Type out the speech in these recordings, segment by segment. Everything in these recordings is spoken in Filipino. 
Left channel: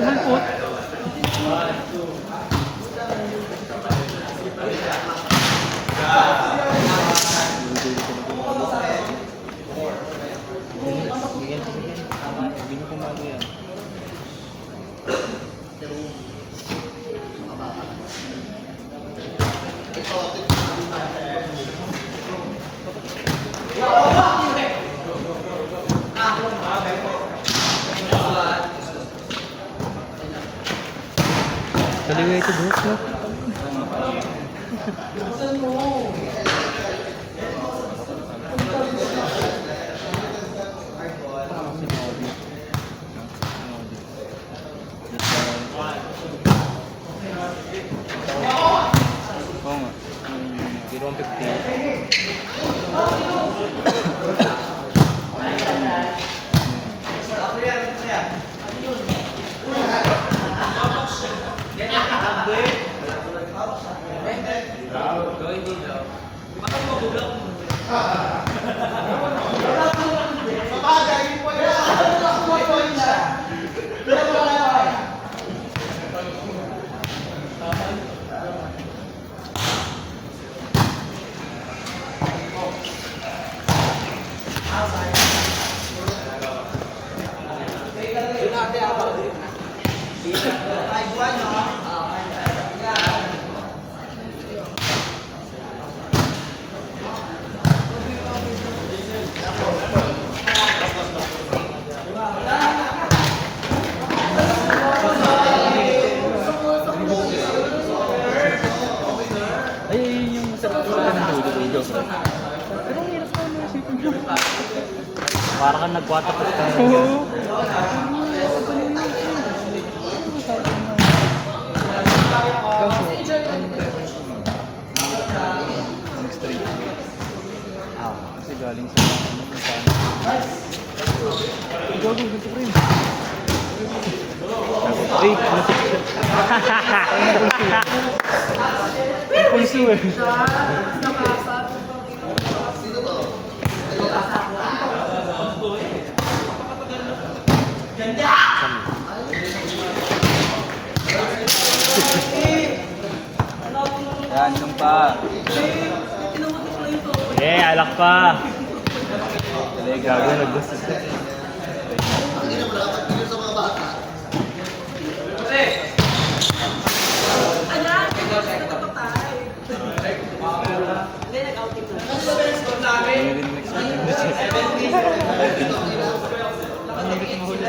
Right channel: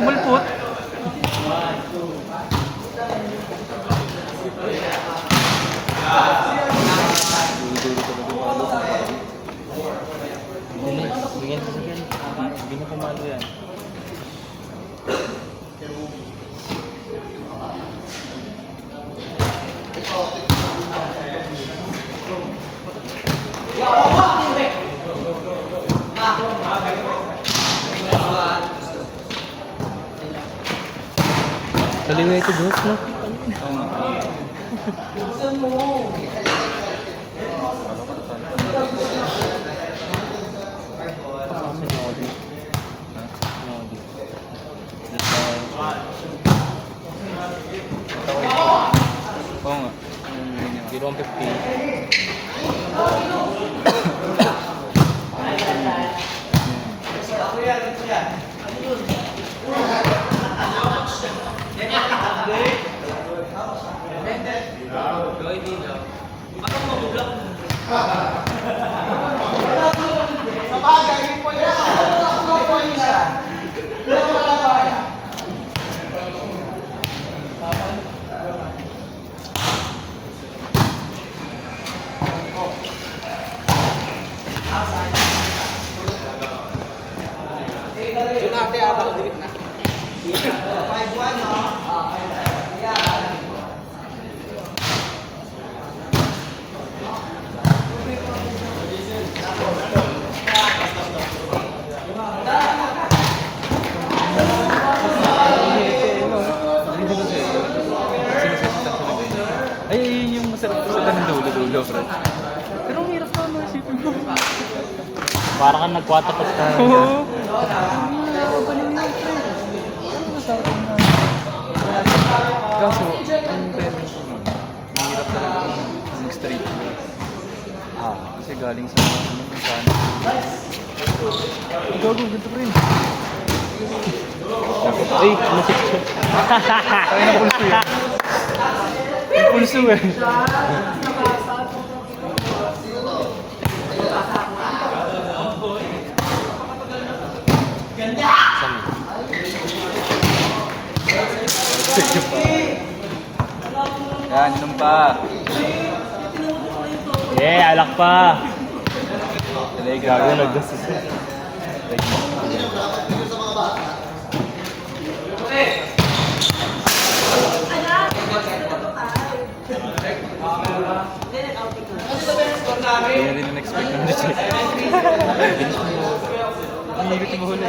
Tumulpot. Kaliwa ito bro. Ay, yung sarap sa ng dulo. Pero hirap naman isipin mo. Parang kang nagwatakot ka. Kaso, ang straight. Kasi galing sa gago, dito pa rin. Ay, nasip siya. Piso eh. Yan, inom pa. Yeah, alak pa. Gago, nag-gusto siya. Kaya rin in-expect naman na siya. Ang hirap ng huli.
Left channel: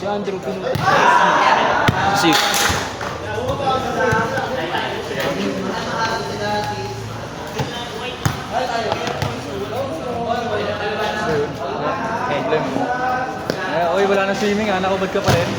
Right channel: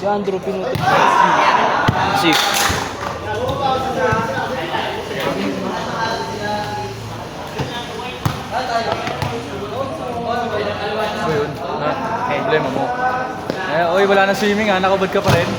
Si Andrew pinutot si problem mo. Oy, wala na swimming ha, nakabad ka pa rin.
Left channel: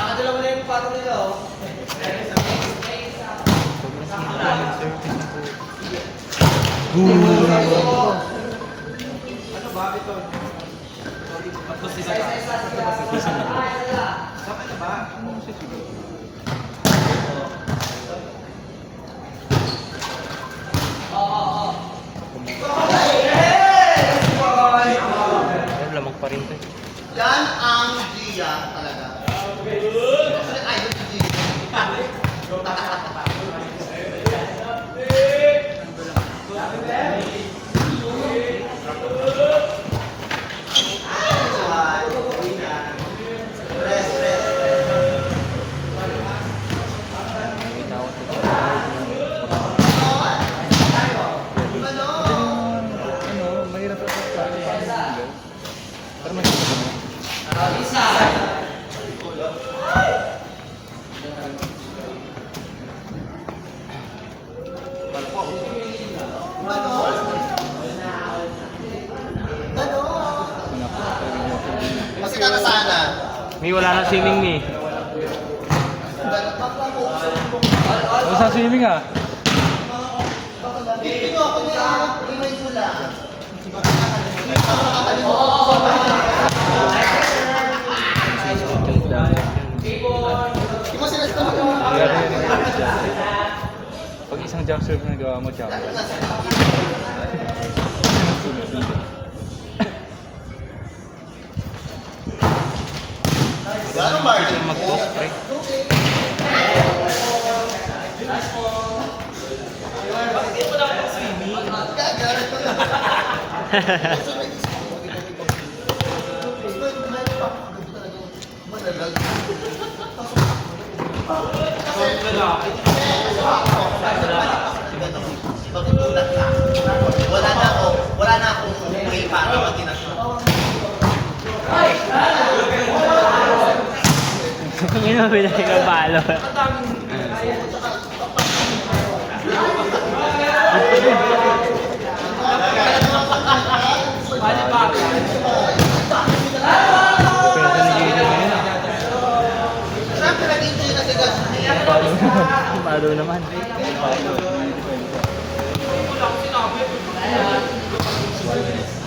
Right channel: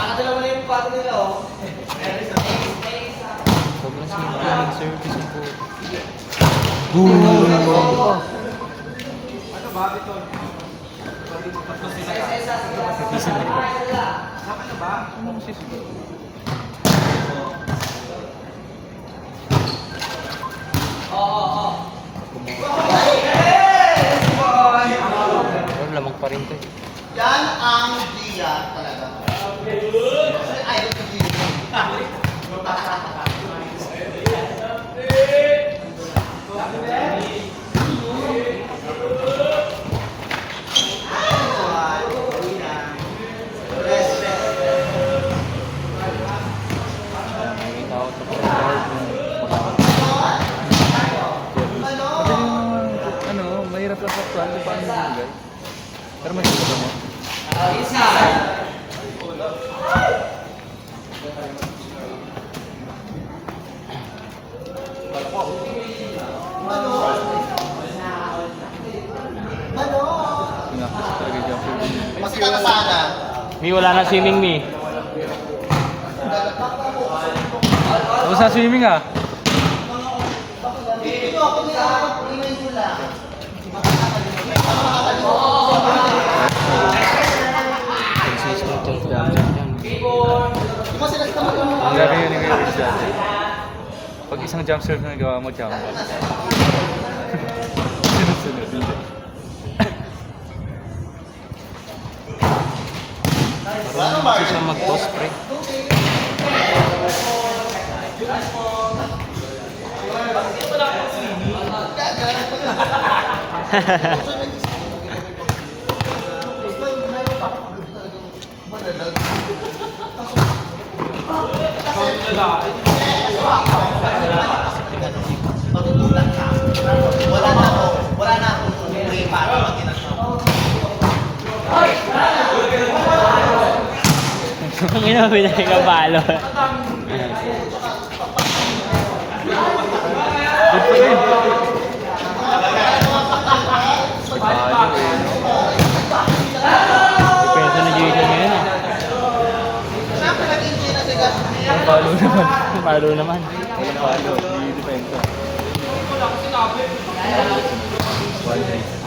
Nakadalawa na yung pato nila, oh. Sobrang simple ng service ito. Isa na. Ano kasi siguro? Oh, lamang pa rin ito. Yan ang Gia talaga. Ay, ito Gia. Nakikita ko ito. Ano, mahirap lang sa pero may Kasi kakasana. May wala na swimming me. ano sa swimming ah? Hindi nyo ako ingay ko lang. Mas sila sa Ang laki yun yung siya. Pag isang jump serve na nagawa mo, jump. Sunod-sunod. Ano ba? Sila mag-post, pre. Wala na ako umuwi para Hindi naman pinagkabalo. Pwede na dito na yun ah. Siyempre nag-enjoy na si Gas. Palo naman.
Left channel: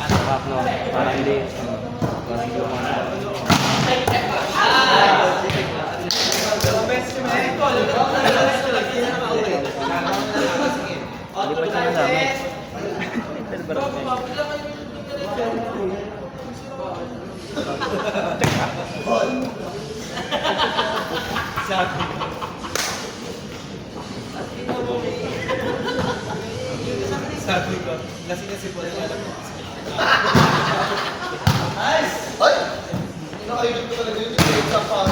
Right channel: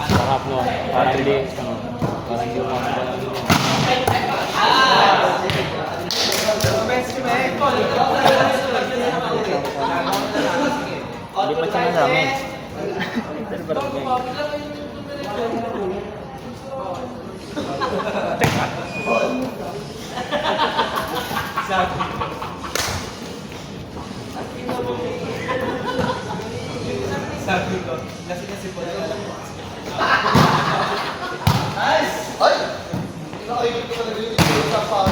Sarap no. Parang hindi. Parang hindi Hindi pa siya namin. Ay! Nakaibig ko talaga yung isang pa.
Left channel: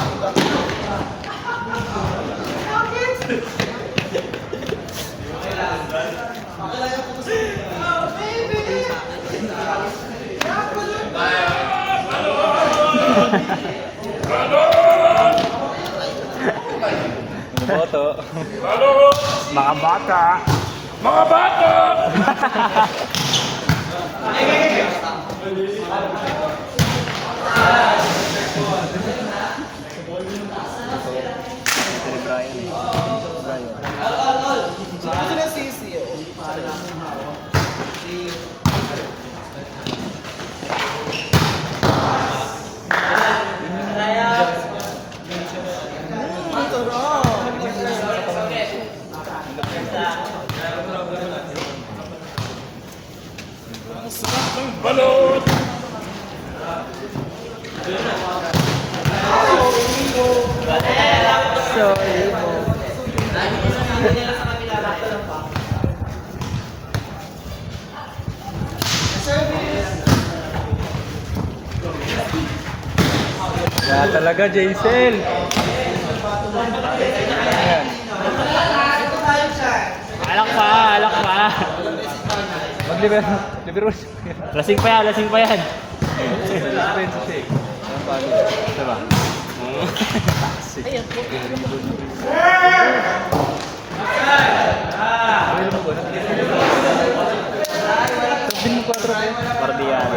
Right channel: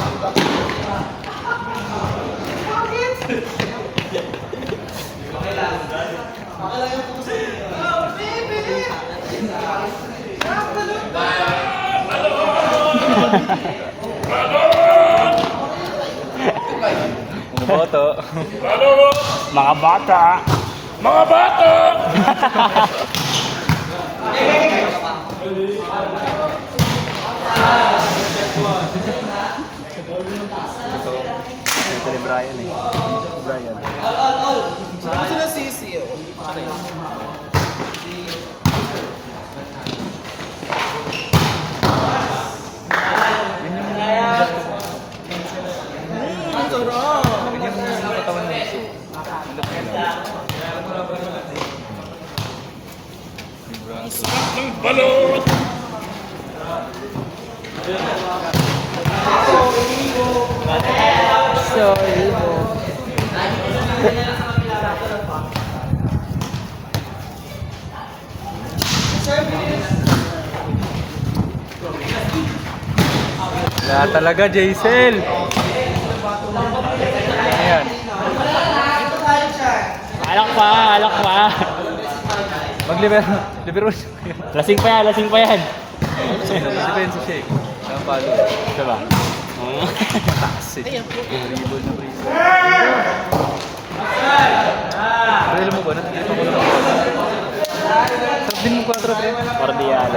Ano ba ito? Mga bata! Mga bata! Kasi na sisi oh. Balot! Wala talaga, Jaisel. Ayan. Alak pa! Alak pa! Maglibero. Lasing pa yan! Lasing pa yan! Depensa shake. Ang palo. Ito ba? Oo. Ano mo ba? Sabihin mo 4 kayo. Cordial.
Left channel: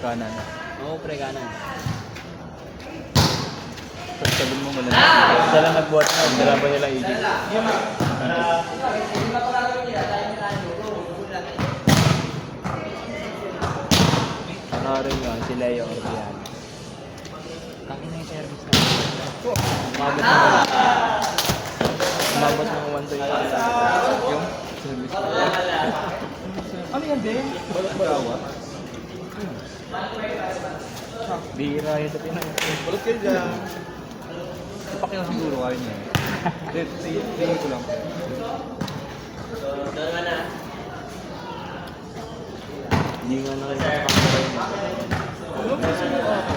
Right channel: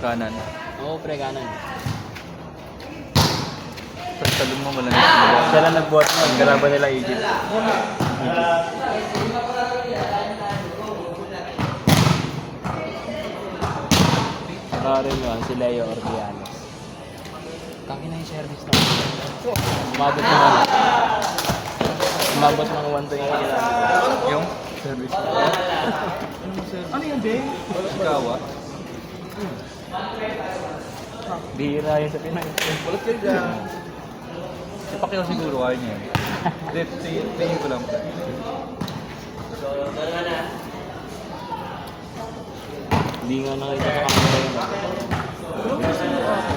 Kanan. Oo, pre, kanan. Sabihin mo muna. Sila nag-bot na, galaban nila Egypt. Rin yun, si Leo Orbiano. Kami na yung service na. Umabot na wala. Umabot na 120. Yung service. Ano yan, Ben? Balak-balawa. Bira yun sa Pinay. Balot kayo dyan. Pakilang siguro, ayaw niya. Tingin ko lang. Hindi nga nakita sa camera yun. Ano ba sa mukha ako?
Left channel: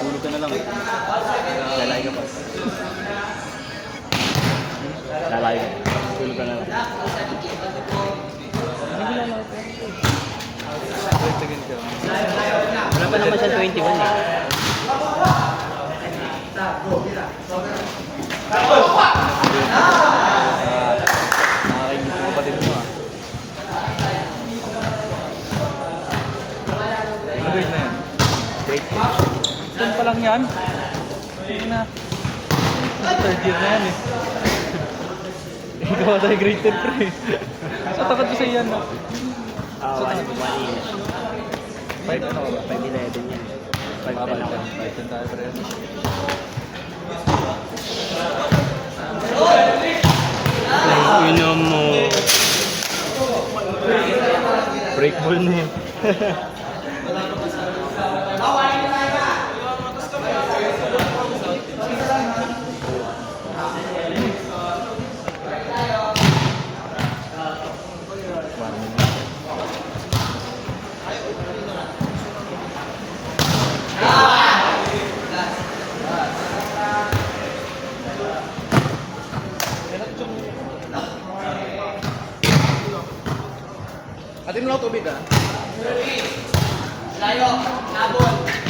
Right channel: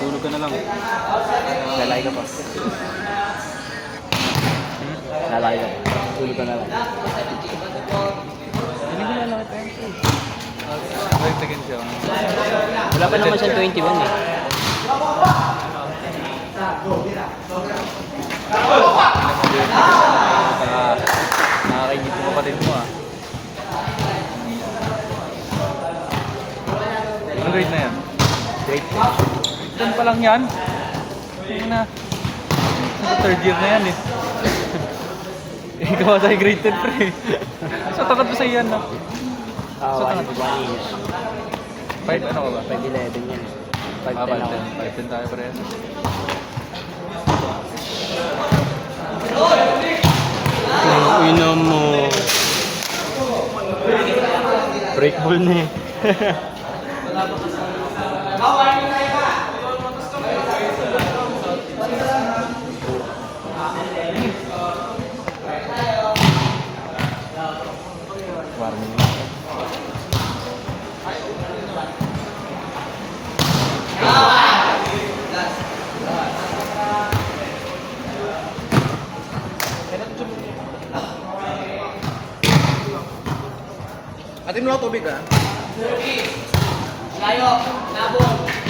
Tulog ka na lang. Lalay ka pa. Lalay ka. Tulog ka na lang. Wait, again siya. Wala pa naman siya 21 eh. Nakakingit ko pa din mo ah. Ang grade na yan? Great. Saan pa lang yan? Hindi na. Third year na yan eh. Ikaw tayo grade 10 pre. Sa takat mo sa iyan no? Wala si Bunny. 5 ano ka ba? 5'11 yan. 5'10 ako. 5 tayo parehas. Ang ina mo. Break ball na yun. Warning. Atin mo tubig ah. Layo, nabol.